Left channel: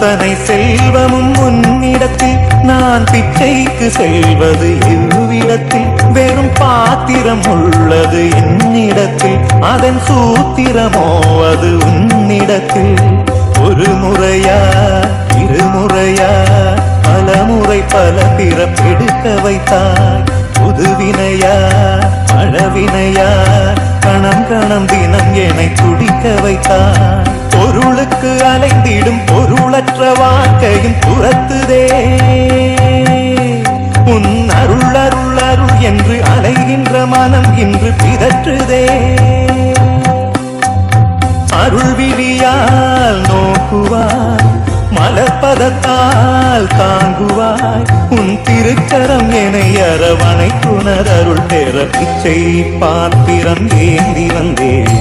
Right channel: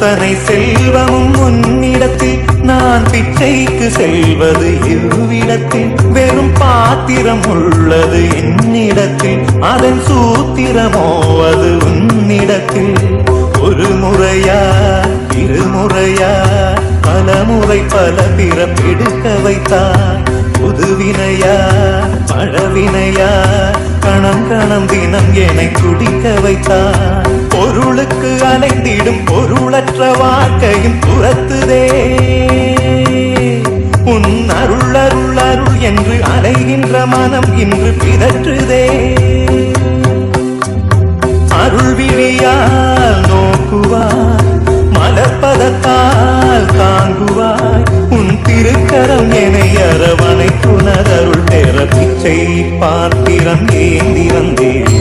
அத்தனை செல்வமும் உன்னிடத்தில் நான் பிச்சைக்கு செல்வது எவ்விடத்தில் வெறும் பாத்திரம் உள்ளது என்னிடத்தில் அதன் சூத்திரமோ அது உன்னிடத்தில் ஒரு முறையா இருமுறையா பலமுறை பல பிறப்பெடுக்க வைத்தாய் புதுவினையா பழவினையா கணம் கணம் தினம் என்னை துடிக்க வைத்தாய் பொருளுக்கு அலைந்திடும் பொருளற்ற வாழ்க்கையும் துரத்துதே உன் அருள் அருள் அருள் என்று அலைகின்ற மனம் இன்று பிதற்றுதே அருள் விழியால் நோக்குவாய் மலர்பதத்தால் தாங்குவாய் உன் திருக்கரம் என்னை அரவணை துணர் அருள் பெற பிச்சை பாத்திரம் ஏந்தி வந்தேன்